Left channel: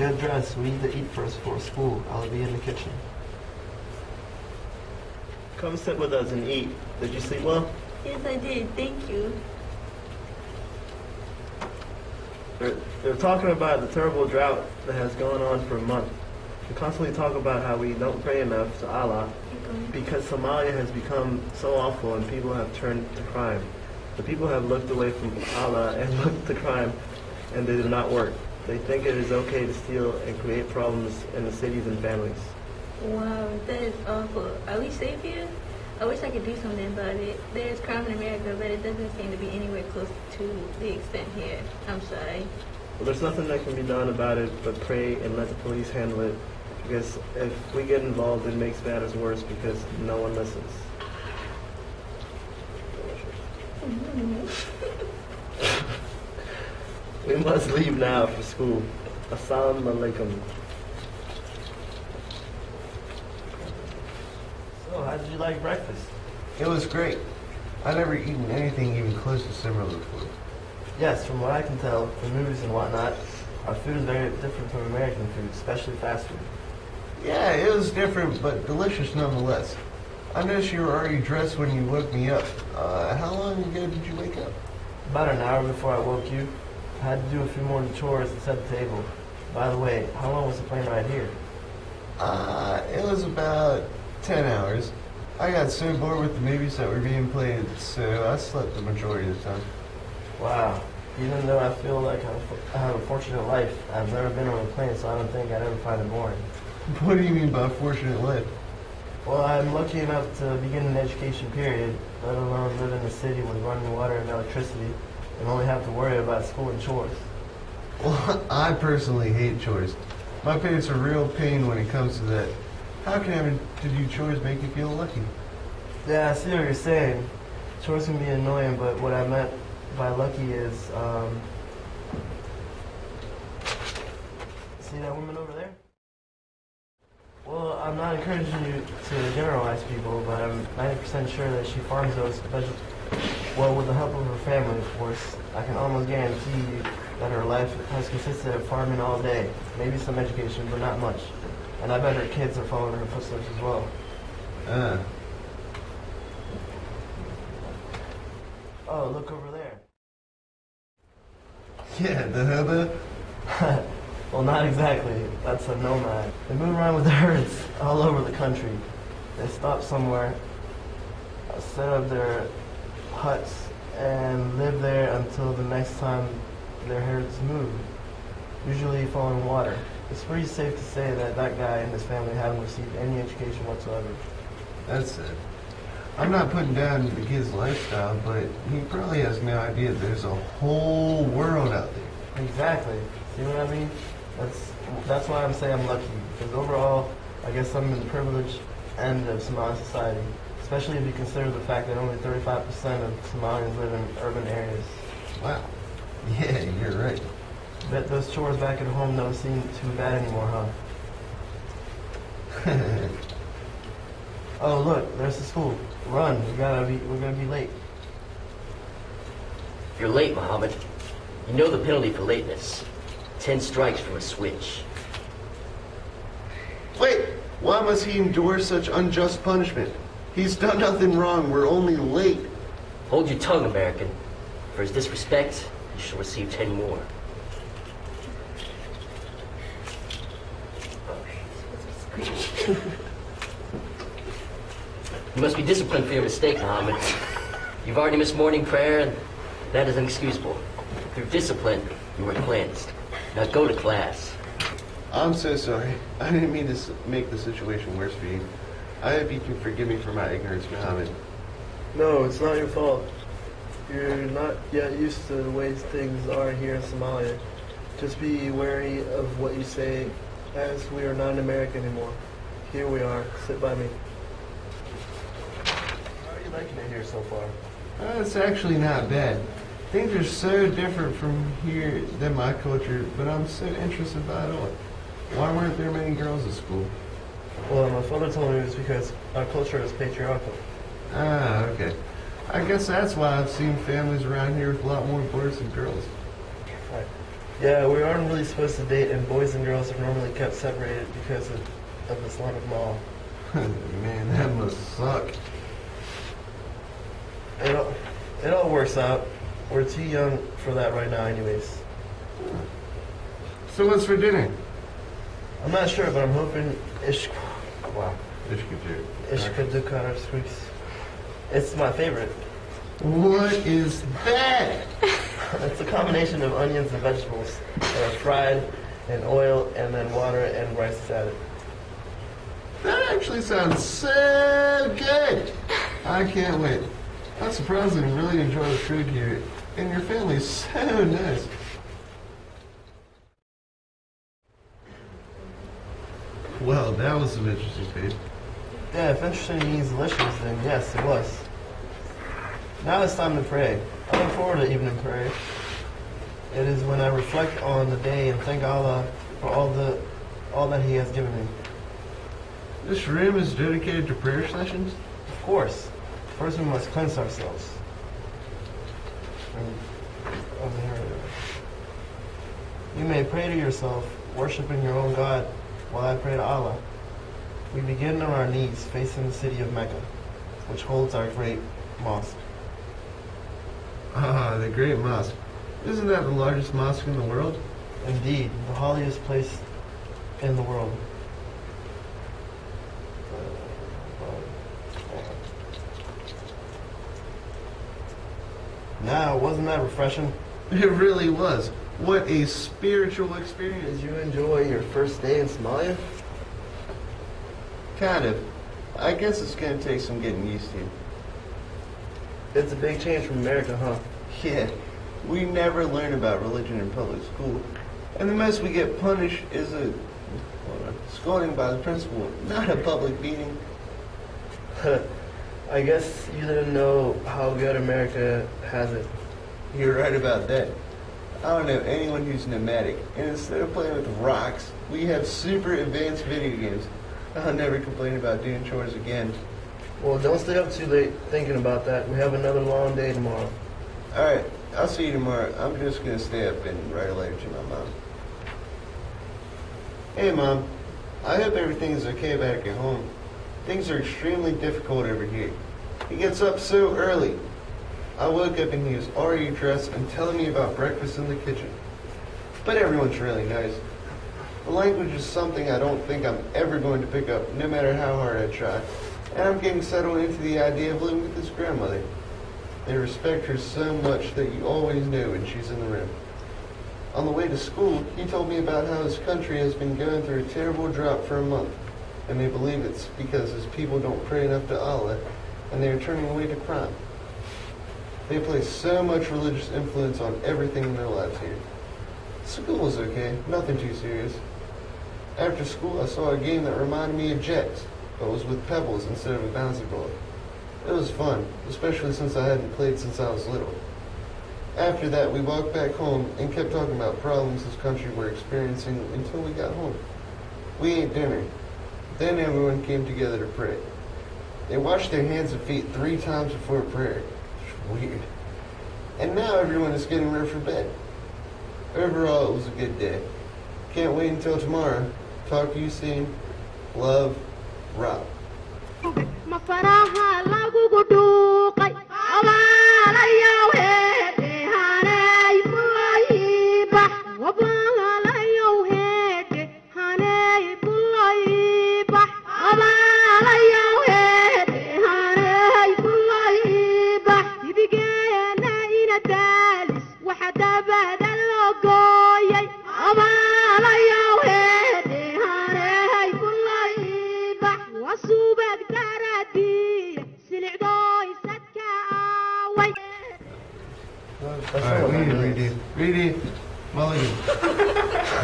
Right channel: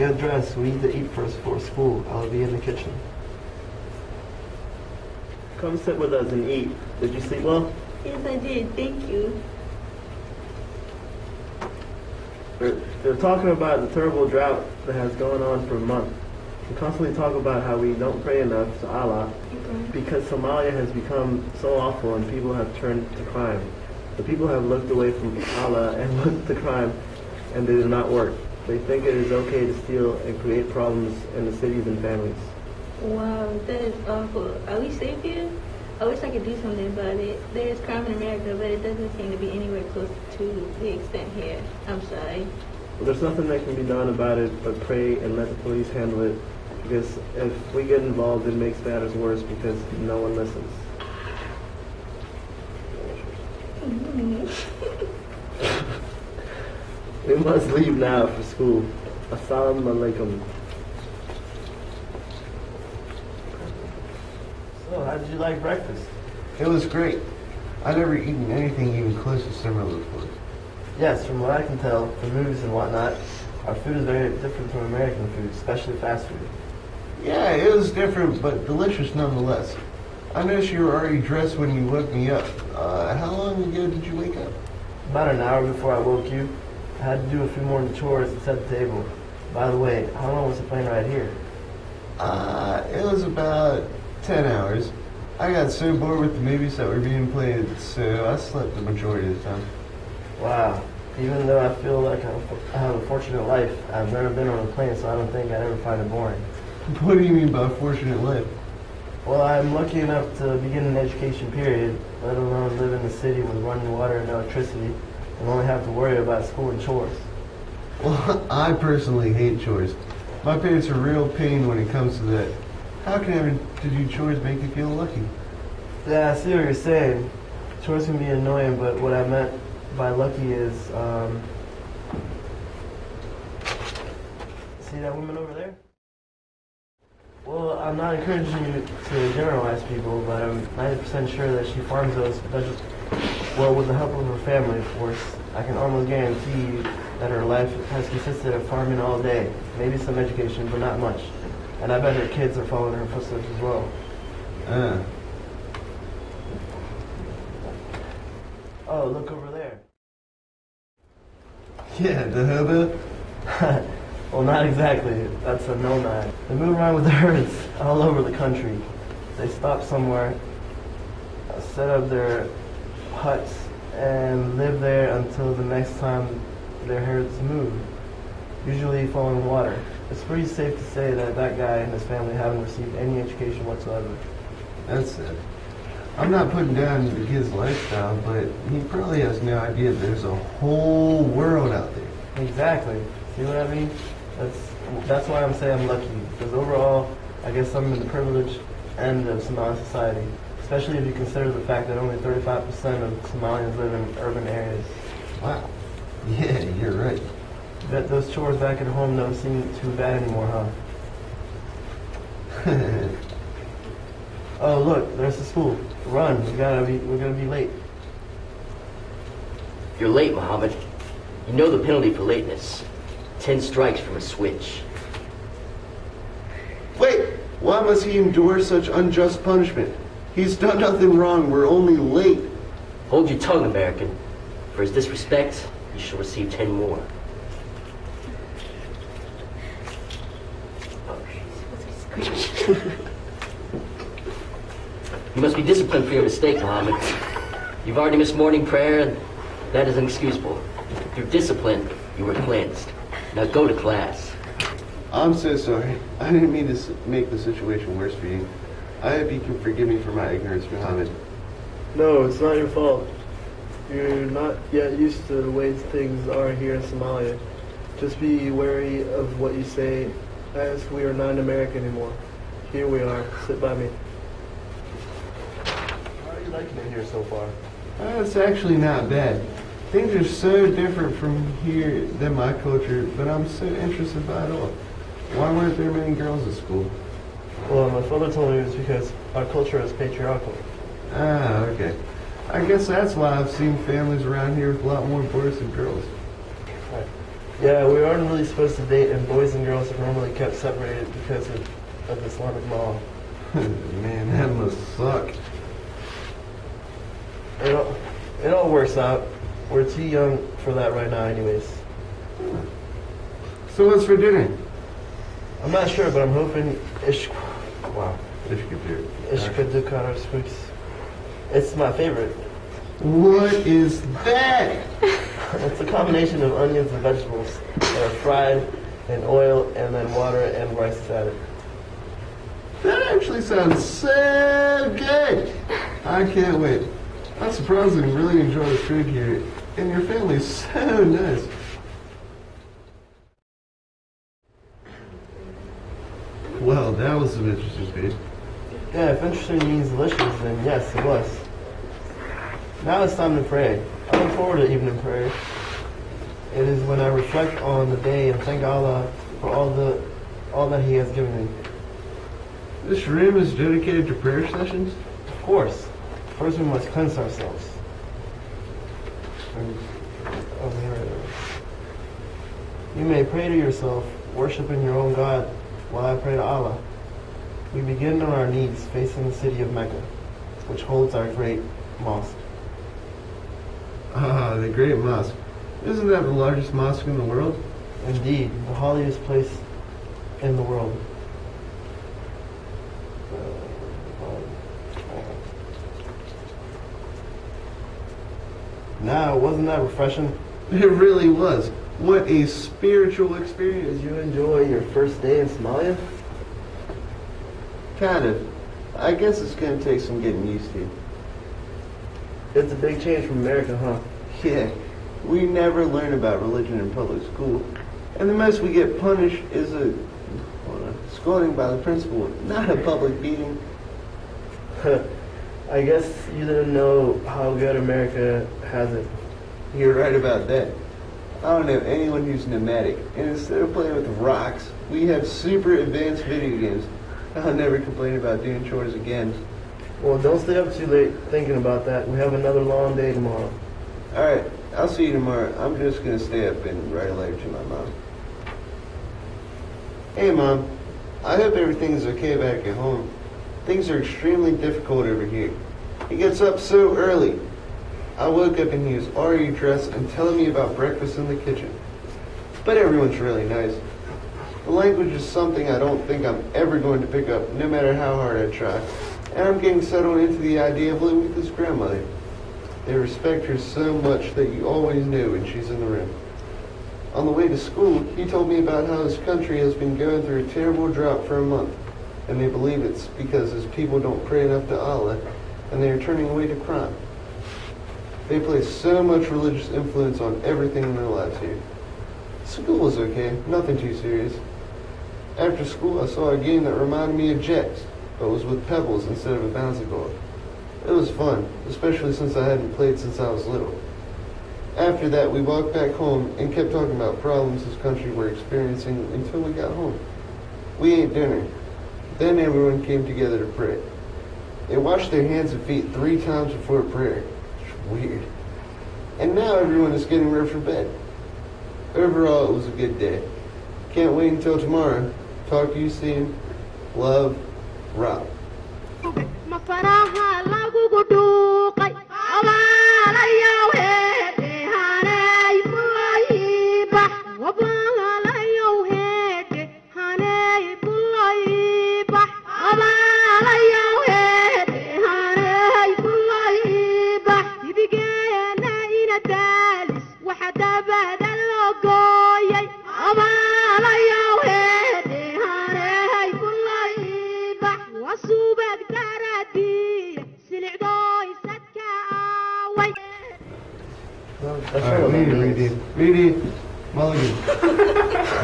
Get dressed. We need to eat first for school. I'll be in the kitchen. Come sit with us and eat. Did you sleep well? Yes, I did. Thank you. They're talking about the terrible drought that has gone on for a month. They constantly talk about how we don't pray enough to Allah because Somalia has become so awful and people have turned to crime. The people have looked away from Allah and looked to crime, and they do not work. They think it is okay to steal and create problems in the cities and families. Wow, that is awful. Are we safe here? I wish I could do something about it. There is crime in America, but it doesn't seem to be anywhere close to the extent here. I'm sorry. Well, there's nothing that can be done about it but pray and let the police handle it, because if we get involved, it makes matters worse because no one listens. We must leave now for school. Assalamu alaikum. So, how did you like breakfast? It was great. I've never eaten anything even close to similar before. Yes, from what I can tell, from movies and whatnot, our food is very different from American food, especially fast food. Yeah, it was different, but delicious nonetheless. I noticed you were already dressed when you woke me up. How long ago did you wake up? About an hour before I woke you, I had to do a few more chores and set the table. By the way, how long was the plane ride here? It was about 10 hours. I got so bored with the movies that were being played, so I slept the majority of the time. Wow. Even though I feel like I have a fortunate life, I've never been on a plane, so I don't think I'd ever find it boring. What do you mean by fortunate life? Well, I'm lucky enough to begin an education period, let alone live in the city with running water and electricity, and only have to worry about school and chores. Well, I personally hate chores. My parents are real pain when it comes to that. How can having to do chores make you feel lucky? Yeah, I see what you're saying. Chores can be annoying, but what I meant by lucky is, see that woman over there? Well, I'm not encouraging you to generalize people, but I'm 90% sure that she farms those vegetables. Well, with the help of her family, of course. I can almost guarantee you that her life has consisted of farming all day. Maybe some education, but not much. And I bet her kids are following her footsteps as well. Oh, look over there. Yeah, the hobo? Well, not exactly. That's a nomad. They move around with the herds all over the country. They stop somewhere, set up their huts, and live there until the next time their herds move, usually following water. It's pretty safe to say that that guy and his family haven't received any education whatsoever. That's it. I'm not putting down the kid's lifestyle, but he probably has no idea there's a whole world out there. Exactly. See what I mean? That's why I'm saying I'm lucky, because overall, I guess I'm in the privileged end of Somali society, especially if you consider the fact that only 35% of Somalians live in urban areas. Wow. Yeah, you're right. Bet those chores back at home don't seem too bad anymore, huh? Oh, look, there's the school. Run, we're gonna be late. You're late, Muhammad. You know the penalty for lateness. 10 strikes from a switch. Wait, why must he endure such unjust punishment? He's done nothing wrong, we're only late. Hold your tongue, American. For his disrespect, you shall receive 10 more. Oh, she's supposed to be screaming. You must be disciplined for your mistake, Muhammad. You've already missed morning prayer, and that is inexcusable. Through discipline, you were cleansed. Now go to class. I'm so sorry. I didn't mean to make the situation worse for you. I hope you can forgive me for my ignorance, Muhammad. No, it's not your fault. You're not yet used to the ways things are here in Somalia. Just be wary of what you say, as we are not in America anymore. Here we are. Sit by me. How are you liking it here so far? It's actually not bad. Things are so different from here than my culture, but I'm so interested by it all. Why weren't there many girls at school? Well, my father told me it was because our culture is patriarchal. Ah, okay. I guess that's why I've seen families around here with a lot more boys than girls. Right. Yeah, we aren't really supposed to date, and boys and girls are normally kept separated because of Islamic law. Man, that must suck. It all works out. We're too young for that right now anyways. So what's for dinner? I'm not sure, but I'm hoping Ishkadur. It's my favorite. What is that? It's a combination of onions and vegetables that are fried in oil, and then water and rice is added. That actually sounds so good. I can't wait. I'm surprisingly really enjoy the food here, and your family's so nice. Well, that was some interesting food. Yeah, if interesting means delicious, then yes, it was. Now it's time to pray. I look forward to evening prayer. It is when I reflect on the day and thank Allah for all that He has given me. This room is dedicated to prayer sessions? Of course, first we must cleanse ourselves. You may pray to yourself, worshiping your own God, while I pray to Allah. We begin on our knees, facing the city of Mecca, which holds our great mosque. Ah, the Great Mosque. Isn't that the largest mosque in the world? Indeed, the holiest place in the world. Now, wasn't that refreshing? It really was. What a spiritual experience. Did you enjoy your first day in Somalia? Kind of. I guess it's going to take some getting used to. It's a big change from America, huh? Yeah, we never learn about religion in public school. And the most we get punished is a scolding by the principal, not a public beating. I guess you didn't know how good America has it. You're right about that. I don't know anyone who's nomadic, and instead of playing with rocks, we have super advanced video games. I'll never complain about doing chores again. Well, don't stay up too late thinking about that. We have another long day tomorrow. Alright, I'll see you tomorrow. I'm just going to stay up and write a letter to my mom. Hey, Mom. I hope everything is okay back at home. Things are extremely difficult over here. He gets up so early. I woke up and he was already dressed and telling me about breakfast in the kitchen. But everyone's really nice. The language is something I don't think I'm ever going to pick up, no matter how hard I try. And I'm getting settled into the idea of living with his grandmother. They respect her so much that you always know when she's in the room. On the way to school, he told me about how his country has been going through a terrible drought for a month, and they believe it's because his people don't pray enough to Allah, and they are turning away to crime. They place so much religious influence on everything in their lives here. School was okay, nothing too serious. After school, I saw a game that reminded me of Jets, but was with pebbles instead of a bouncy ball. It was fun, especially since I hadn't played since I was little. After that, we walked back home and kept talking about problems this country were experiencing until we got home. We ate dinner. Then everyone came together to pray. They washed their hands and feet 3 times before prayer. It's weird. And now everyone is getting ready for bed. Overall, it was a good day. Can't wait until tomorrow. Talk to you soon. Love, Rob. Alright, we need to redo. Redo. Mulligan.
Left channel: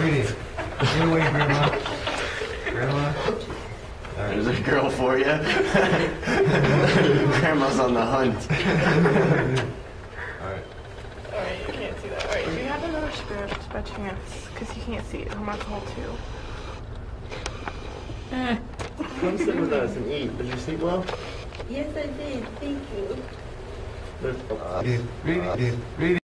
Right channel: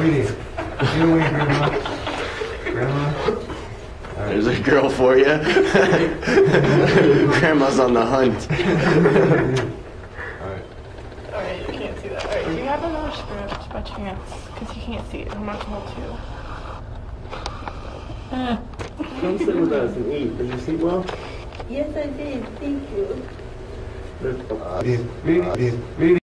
Redo. Get away, Grandma. Grandma. There's a girl for you. Grandma's on the hunt. Alright. Alright, you can't see that. Alright, do you have another script by chance? Because you can't see it. I'm not told to. Come sit with us and eat. Did you sleep well? Yes, I did. Thank you. There's- Redo. Redo.